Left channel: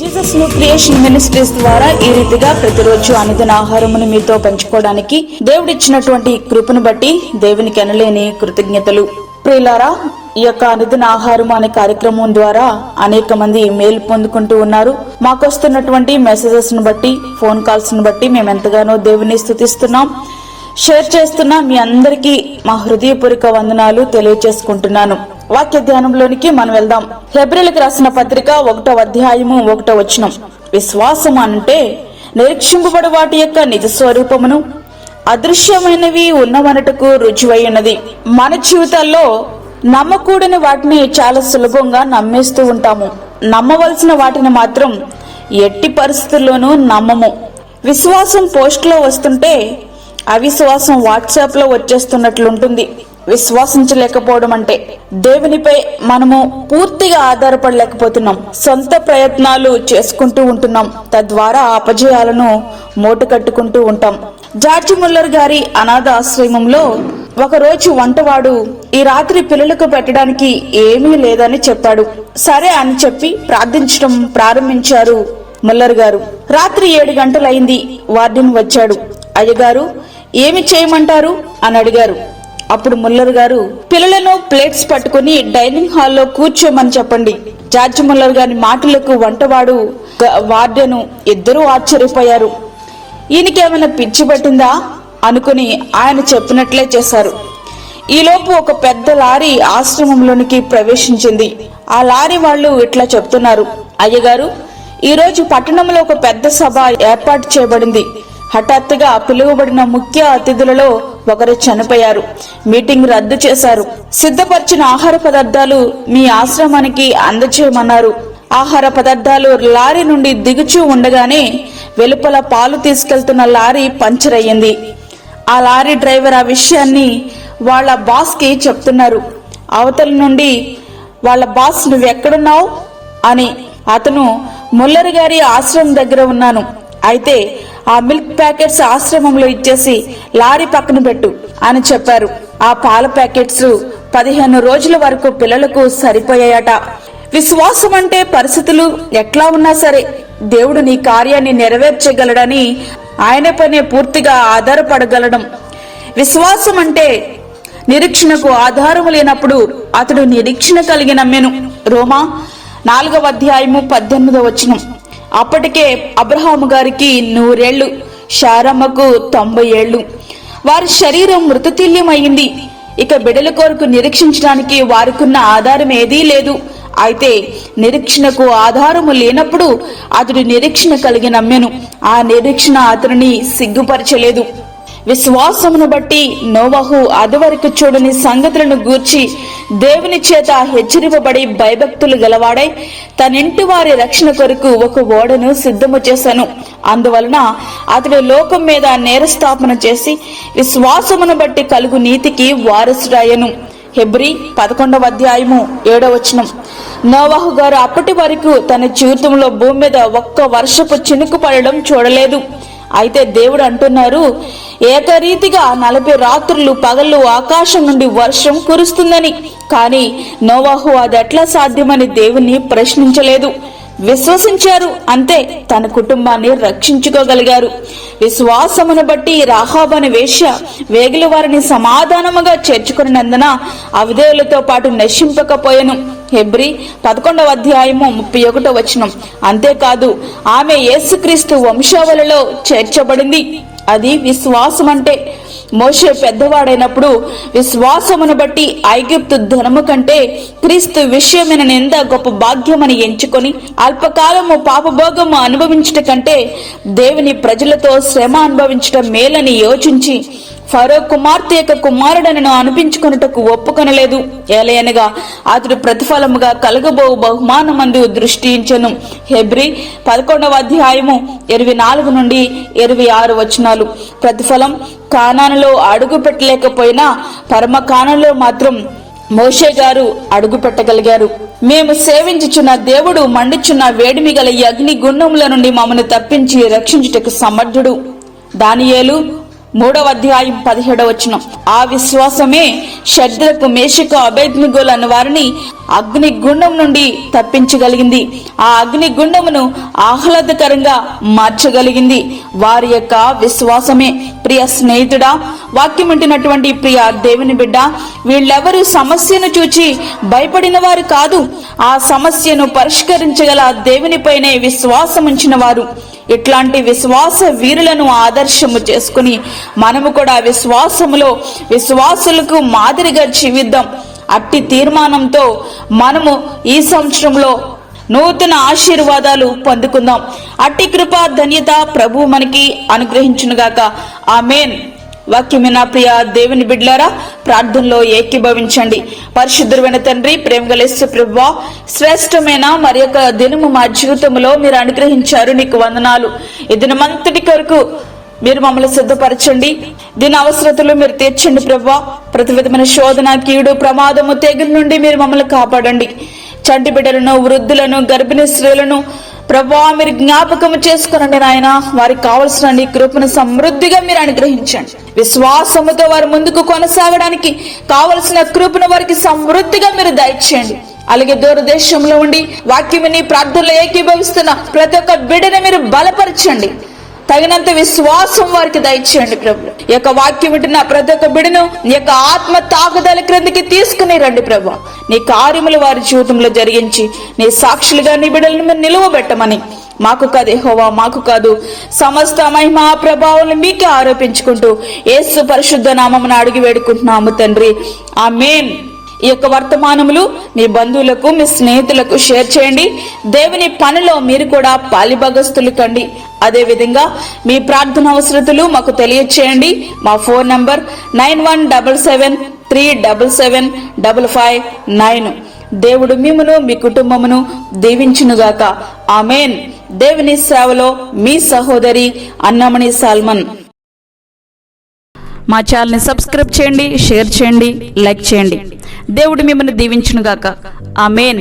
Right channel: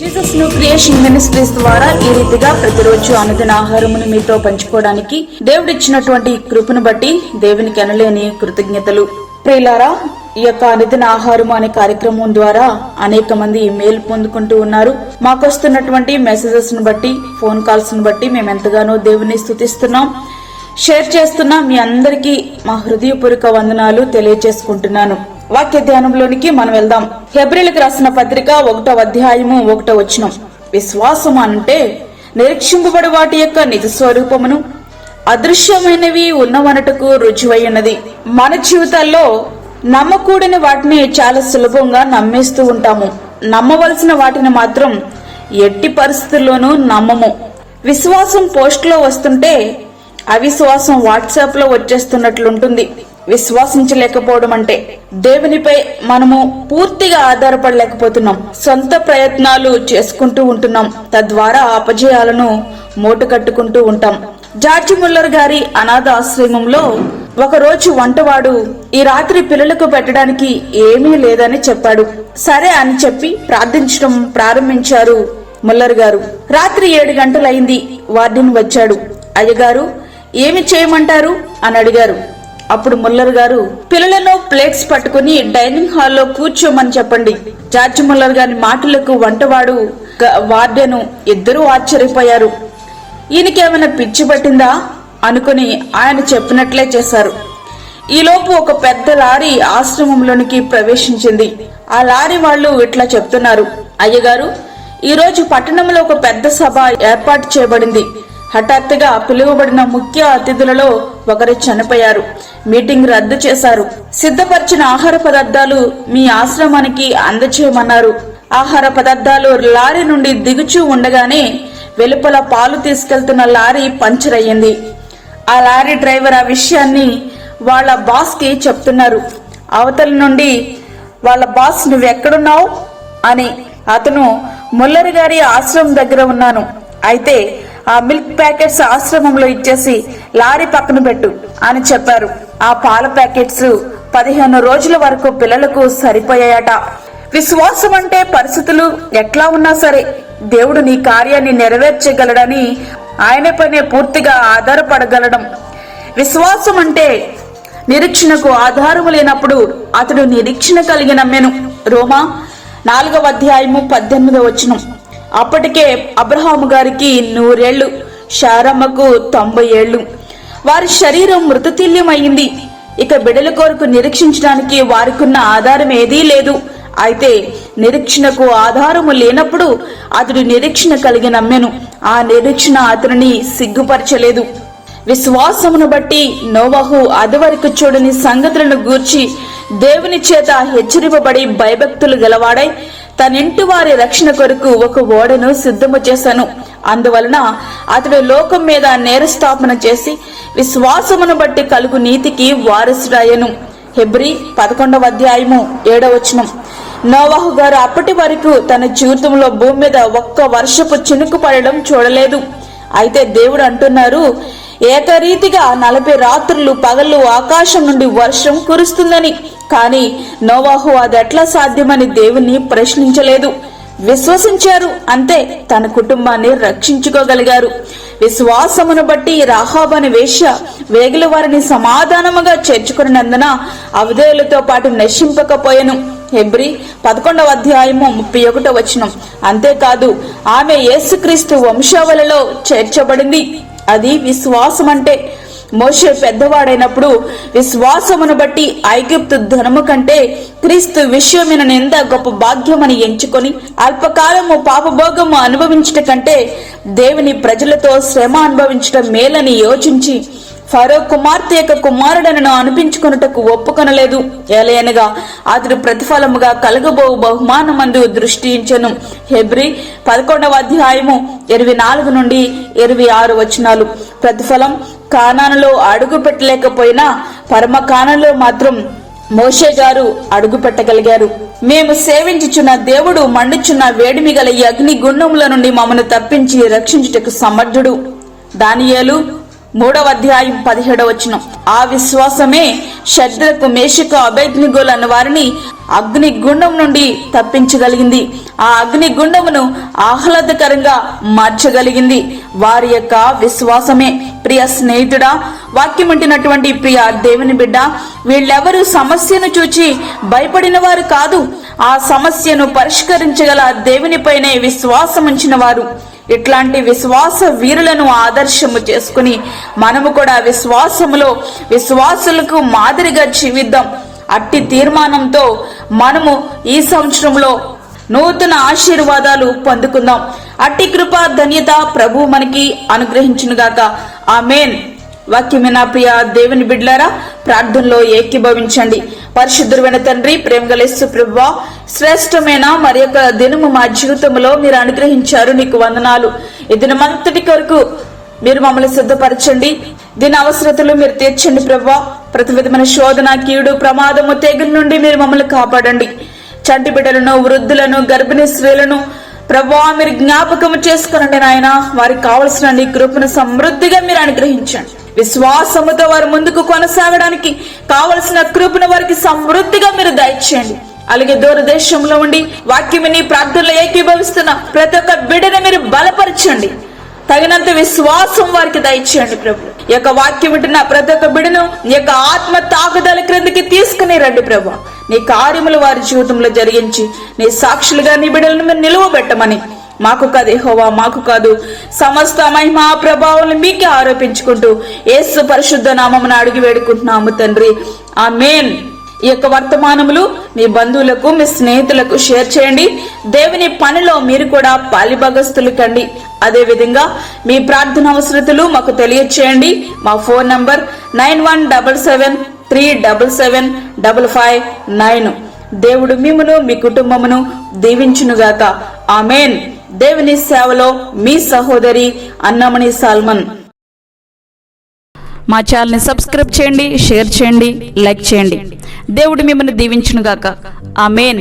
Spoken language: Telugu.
జీసస్ న్యూ క్రియేషన్ మినిస్ట్రీస్ ద్వారా ఈ రీతిగా ప్రతిరోజు అనుదిన ఆహారమును మీతో పంచుకోవడానికి దేవుడిచ్చినటువంటి కృపను బట్టి దేవునికి అనలేని కృతజ్ఞతలు. ప్రియులారా, ఈ యొక్క అనుదిన ఆహారము అనే కార్యక్రమం ద్వారా అనేక మంది మేలు పొందుకుంటూ ఉన్నారు. మాకొస్తున్నటువంటి మెసేజెస్ ను బట్టి, ఫోన్ కాల్స్ ను బట్టి మేము ఎంతగానో దేవుని స్తుతిస్తున్నాం. షేర్ చేస్తున్న మీ అందరికీ మా హృదయపూర్వక వందనాలు తెలియజేసుకుంటున్నాను. వాక్య ధ్యానంలోనికి మనం వెళ్దాం. హెబ్రీలకు రాసిన పత్రిక 1వ అధ్యాయము 1వ వచనం. విశ్వాసం అంటే నిరీక్షింపబడి వాటి యొక్క నిజ స్వరూపమును, అదృశ్యమైనవి ఉన్నవనటకు రుజువై ఉన్నది. మన జీవితాల్లో నమ్మకూడని వాటిని చాలా సులభంగా నమ్మేస్తూ ఉంటాము. నమ్మవలసిన వాటిని మాత్రం ఎట్టి పరిస్థితుల్లోనూ నమ్మము. విశ్వాసం పోస్ట్ లో వస్తుంటే అవిశ్వాసం వాట్సాప్ లో వచ్చేస్తున్నట్లుంటుంది. విశ్వాసించలేకపోవడం అంటే దేవునిపై మనము పూర్తిగా ఆధారపడలేకపోతున్నాం. సొంత ప్రయత్నాలు చేసుకుంటూ ఉంటున్నాం. తద్వారా అపజయాలను మూట కట్టుకుంటూ ఉంటాం. జార్జి ముల్లర్ గారి అనాథ ఆశ్రమంలో ఒకరోజు వంటవాడు ఈ రాత్రి పిల్లలకు పెట్టడానికి ఏమీ లేదని చెప్పాడు. సరే అని చెప్పి ప్రార్థించడం ప్రారంభించారు ముల్లర్ గారు. రాత్రి 7 గంటలైంది. వార్డెన్ వచ్చాడు. అయ్యగారు, ఏమి చేయమంటారు అని అడిగారు. అప్పుడు ముల్లర్ గారు, పిల్లలను ప్లేట్స్ పట్టుకుని డైనింగ్ హాల్లో కూర్చోమని చెప్పండి. జార్జి ముల్లర్ గారి మాటలకు వంటవాడు, వార్డెను ఇద్దరూ ఆశ్చర్యపోయారు. ఈయనకేమైనా పిచ్చి పట్టిందా అనుకుని ఆయన చెప్పినట్లే చేశారు. ఈలోపు ఒక పెద్ద లారీ ఆశ్రమంలోనికి ప్రవేశించింది. ఆ లారీ వాళ్ళు ఇట్లా చెప్తున్నారు, అయ్యగారు, ఈరోజు పట్టణంలో ఒక పెద్ద సభ ఏర్పాటు చేయబడింది. హఠాత్తుగా పిలువబడిన ముఖ్య అతిథులలో ఒకరు చనిపోయారు. మీటింగ్ రద్దు చేశారు. సిద్ధపరిచిన ఆహార పదార్థాలు మీ ఆశ్రమానికి అందచేయమన్నారు. ఆహార పదార్థాలు లారీ నుండి దిగుచూ ఉండగానే వెలుపల పాలు తీసుకెళ్తున్న లారీ పంచర్ అయ్యింది. ఆ లారీ డ్రైవర్ ఆ విషయాన్ని వాళ్ళ బాస్ కి చెప్తున్నారు. అవతల నుండి వాళ్ళ బాస్, నువ్వెక్కడున్నావు అని. అతను, ముల్లర్ గారి ఆశ్రమం దగ్గర ఉన్నాను. అయితే ఆ మిల్క్ ప్యాకెట్స్ ఆశ్రమంలో ఇచ్చేసి లారీ పక్కన పెట్టు అని చెప్పారు. ఆ పాల ప్యాకెట్స్ 15 రోజుల వరకు పిల్లలకు సరిపోయాయట. విశ్వాసం అంటే పరిస్థితులు ఎట్లా ఉన్నా సరే దేవుడు నీ కార్యాన్ని నెరవేర్చగలడని ఆయన పైనే పూర్తిగా ఆధారపడగలడం. విశ్వాసం అంటే నిరీక్షణకు ఆధారము లేనప్పుడు అతడు నిరీక్షణ కలిగి నమ్మెను. రోమా 4వ అధ్యాయము 18వ వచనం. అప్పటికే అబ్రహాము గారికి 100 ఏళ్లు, శారమ్మకు 90 ఏళ్లు. వారి శరీరం మృతతుల్యమైంది. ఇక బిడ్డల కొరకు నిరీక్షించడానికి వారికున్న ఆధారం ఏదీ లేదు. అయితే నిరీక్షణకు ఆధారము లేనప్పుడు అతడు నిరీక్షణ కలిగి నమ్మెను. ఆ నిరీక్షణ అతనిని సిగ్గుపరచలేదు. విశ్వాసమును బట్టి నోవహు అదివరకు చూడని సంగతులను గూర్చి దేవుని చేత హెచ్చరింపబడి భయభక్తులు గలవాడై తనింటి వారి రక్షణ కొరకు ఒక ఓడను సిద్ధము చేశాను. అందువలన అతడు లోకం మీద నేరస్థాపన చేసి విశ్వాసమును బట్టి కలుగు నీతికి వారసుడాయను. హెబ్రీ 11వ అధ్యాయము 7వ వచనం. నోవహు గారు అప్పటి వరకు తన జీవితంలో భూమి మీద ఒక్క వర్షపు చినుకు పడడం చూడలేదు. అయితే దేవుడు అంటున్నారు, ఏకరీతిగా 40 రాత్రులు పగళ్ళు ఆకాశం నుండి వర్షం కురుస్తుందని. కానీ నోవహు అది ఎట్లా సాధ్యమని దేవుని ప్రశ్నించలేదు. విశ్వసించారు, అంతే. తన కుటుంబాన్ని రక్షించుకోగలిగారు. విశ్వాసమును బట్టి రాహాబు అనే వేశ్య వేగుల వారిని సమాధానముగా చేర్చుకున్నందున అవధేయులతో పాటు నశింపకపోయెను. హెబ్రీ 11వ అధ్యాయము 31వ వచనం. అంతేకాదు, ఆమె యేసుక్రీస్తు వంశావళిలో చేర్చబడింది. అది విశ్వాసం అంటే. మోషే పెద్దవాడైనప్పుడు విశ్వాసమును బట్టి ఐగుప్తు ధనము కంటే క్రీస్తు విషయమైన నింద గొప్ప భాగ్యమని ఎంచుకొని అల్పకాలము పాపభోగము అనుభవించట కంటే దేవుని ప్రజలతో శ్రమ అనుభవించటం మేలని యోచించి ఫరో కుమార్తె యొక్క కుమారుడనను అనిపించుకొనుటకు ఒప్పుకొనలేదు. ఏలయనగా అతడు ప్రతిఫలముగా కలగబో బహుమానమందు దృష్టించెను. హెబ్రీ 11వ అధ్యాయము 24 నుండి 26 వచనాలు. ప్రతిఫలం కానానులో అడుగు పెట్టలేకపోయినా పరమ కానానులో మాత్రం మోషే గారు అడుగు పెట్టగలిగారు. మేము సేవించుచున్న దేవుడు మండుచున్న వేడిమి గల అగ్ని గుండముల నుండి మమ్మను తప్పించి రక్షించుటకు సమర్థుడు. దానియేలు 3వ అధ్యాయం 17వ వచనం. ఆ విశ్వాసమే షద్రకు, మేషకు, అబేద్నెగోలు అన్న వారిని అగ్నిగుండం నుండి తప్పించగలిగింది. ఆ అగ్నిగుండమును ఆహ్లాదకరంగా మార్చగలిగింది వారి యొక్క విశ్వాసమే. ప్రియ స్నేహితుడా, వాక్యం ఉంటున్నటువంటి ప్రియ దేవుని బిడ్డ, వీళ్ళెవరూ సమస్యను చూచి భయపడిన వారు కాదు. ఆ సమస్యను పరిష్కరించగల దేవునిపైనే విశ్వాసం ఉంచిన వారు. ఇట్లాంటి విశ్వాస వీరులను ఆదర్శము చేసుకుని మనము కూడా విశ్వాసులకు మాదిరిగా జీవిద్దాం. అట్టి తీర్మానంతో మనము ఈ సంవత్సరంలో నూతన ఆశీర్వాదాలు పొందుకుందాం. అట్టి కృపా ధన్యత ప్రభు మనకి అనుగ్రహించునుగాక. ఆమేన్. వాక్యమైన ప్రియ దేవుని బిడ్డలారా, ప్రార్థనలో ఏకీభవించండి. పరిశుద్ధుడైన తండ్రి, ప్రేమగల యేసు ప్రభువా, శ్రేష్టమైన మరి యొక్క దినము మా జీవితంలో మీరు అనుగ్రహించారు, నీకు వందనాలు. ఈ దినమంతటి కొరకు మీరు మమ్మల్ని సిద్ధపరచండి. దీని అవసరతలు మీరు తీర్చండి ప్రభువా. ప్రతి విధమైన శోధన, కీడు, ప్రమాదము, తెగుల నుండి మీరు మమ్మల్ని కాపాడండి. చంటి బిడ్డలను, వృద్ధులను, గర్భిణీ స్త్రీలను ప్రభువా మీరు జ్ఞాపకం చేసుకునండి నాయన. వారికి కావలసిన నీ కృపను సమృద్ధిగా మీరు అనుగ్రహించండి. విశ్వాసముతో వారు ముందుకు కొనసాగడానికి కావలసిన కృపను వారికి సమృద్ధిగా మీరు దయచేయండి. అలాగే దూరదేశంలో ఉండి వాక్యమని ప్రార్థనలో ఏకీభవిస్తున్న ప్రతి ఒక్క బిడ్డను మీరు బలపరచండి. తగినంత విశ్వాసం వారికి దయచేయండి ప్రభు. ఈ యొక్క వాక్యం వింటున్న ప్రతి ఒక్క బిడ్డను నీ యొక్క ఆత్మ తాకుదల క్రిందికి తీసుకుని రండి ప్రభు. నీ కార్యములు వారి జీవితంలో జరిగించి నీ సాక్షులుగా నీ బిడ్డలను మీరు నిలువబెట్టమని, మాకు కాదు యెహోవా, మాకు కాదు, సమస్త మహిమా ప్రభావాలను మీకే ఆరోపించుకుంటూ యేసు పరిశుద్ధ నామమున అడిగి వేడుకుంటున్నాము తండ్రి. ఆమేన్. ఈ యొక్క వర్తమానములు మీ బంధువులకు, మీ స్నేహితులకు షేర్ చేయండి. దేవుని పనిలో మీరు కూడా పాలిభాగస్తులు కండి. అదే విధంగా మీ ప్రార్థన అవసరతలు మాకు తెలియచేయండి. మా ఫోన్ నంబర్ 9177377559. దేవుడు మిమ్మును మీ కుటుంబమును దీవించునుగాక. ఆమేన్. దేవుని సేవలో మీ సహోదరి అన్నమణి సాల్మన్. మా ఛానల్ని సబ్స్క్రైబ్ చేయండి, షేర్ చేయండి, లైక్ చేయండి. దేవుడు మిమ్మల్ని దీవించునుగాక. ఆమేన్.